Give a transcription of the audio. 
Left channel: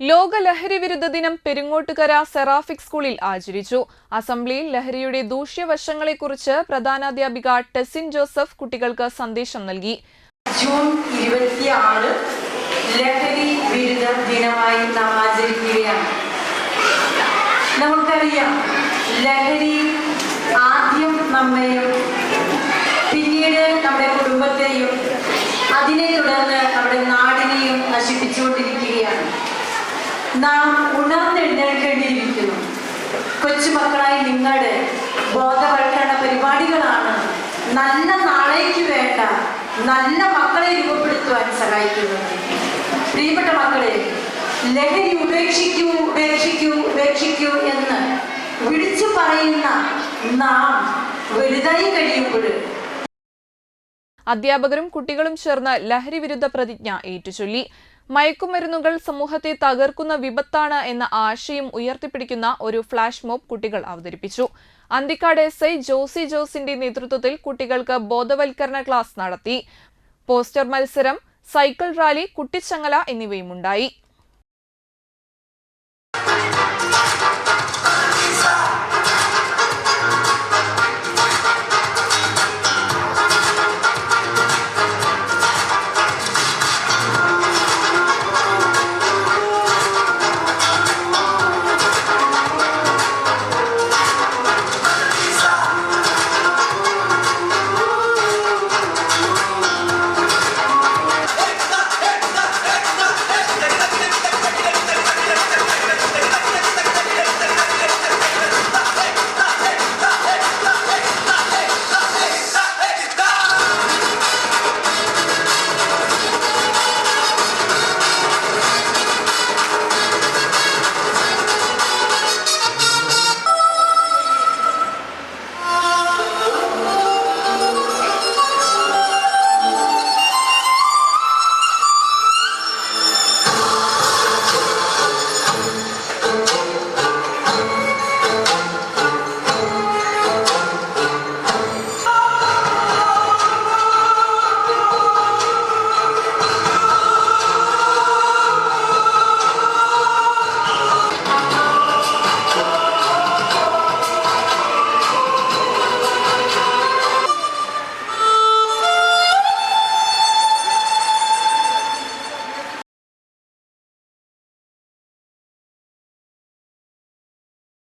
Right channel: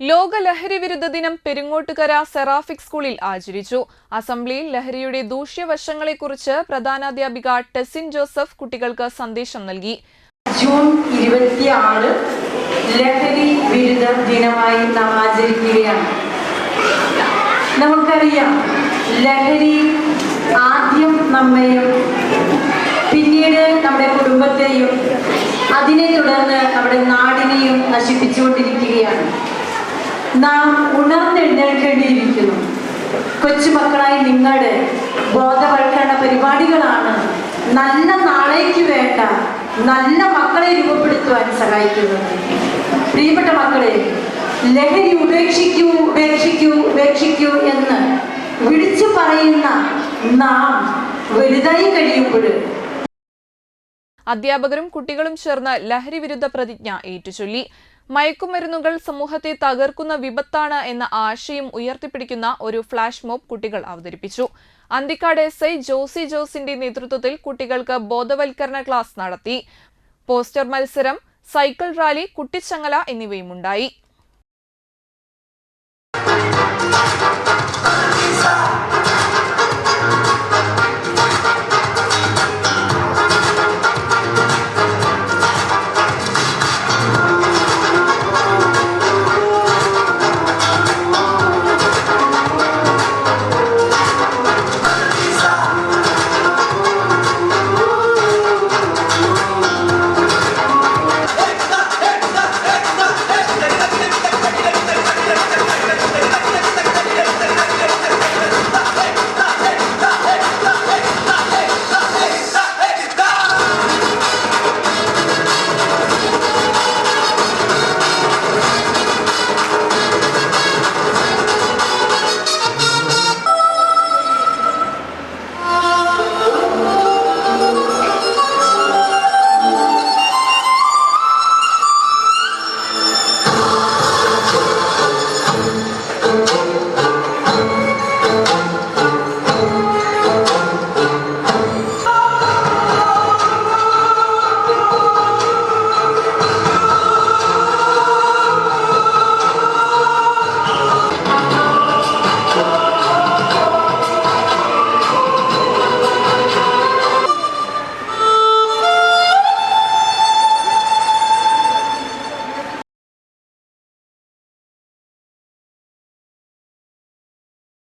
ലോക ലഹരി വിരുദ്ധ ദിനം പെരുങ്ങോട്ടുകര സെറാഫിക് സ്കൂളിൽ ആചരിച്ചു. അസംബ്ലിയിൽ ലഹരിയുടെ ദൂഷ്യവശങ്ങളെക്കുറിച്ച് പ്രധാനാധ്യാപിക ടെസിൻ ജോസഫ് കുട്ടികൾക്ക് സന്ദേശം നൽകി. ജൂൺ ഇരുപത്തിയാറ് ലഹരി വിരുദ്ധ ദിനമായി നാം ആചരിക്കുകയാണ്. നമുക്കറിയാം ലഹരി ആദ്യം നമ്മയും പിന്നീട് നമ്മുടെ കുടുംബത്തെയും അതിനെ തുടർന്ന് നമ്മുടെ നാടിനെയും നശിപ്പിച്ചുകൊണ്ടിരിക്കുകയാണ് നാം ഉണർന്നെഴുന്നേൽക്കേണ്ടിയിരിക്കുന്നു. കൊച്ചുമക്കളായി നിങ്ങളുടെ ബോധവൽക്കരണ പരിപാടികളാണ് നല്ല നാളേക്ക് വേണ്ട നല്ല മക്കളെ രൂപപ്പെടുത്തുവാൻ സഹായിക്കുന്നത്. പ്രിയപ്പെട്ട മക്കളെ ലഹരി ഉപേക്ഷിക്കൂ ഉപേക്ഷിക്കൂ ഉപേക്ഷിക്കൂ എന്ന് വിളിച്ചു പറയുന്ന നാം വലുതായി കഴിയുമ്പോൾ അധ്യാപകരും കുട്ടികളും ചേർന്ന് ലഹരി വിരുദ്ധ പ്രതിജ്ഞ ഏറ്റുചൊല്ലി. മയക്കുമരുന്നുകൾ സമൂഹത്തെ തകർക്കുന്ന വിപത്താണ് എന്ന ആശയം ഉയർത്തിപ്പിടിക്കുന്ന ഒരു ഫ്ളാഷ് മോബ് കുട്ടികൾ അവതരിപ്പിച്ചു. അന്തിക്കാട് എസ് ഐ ജോസി ജോസിന്റെ നേതൃത്വത്തിൽ കുട്ടികൾക്ക് ബോധവൽക്കരണ ക്ലാസ് നടത്തി. പോസ്റ്റർ മത്സരം സൈക്കിൾ റാലി കുട്ടിച്ചങ്ങല എന്നിവയുമുണ്ടായി.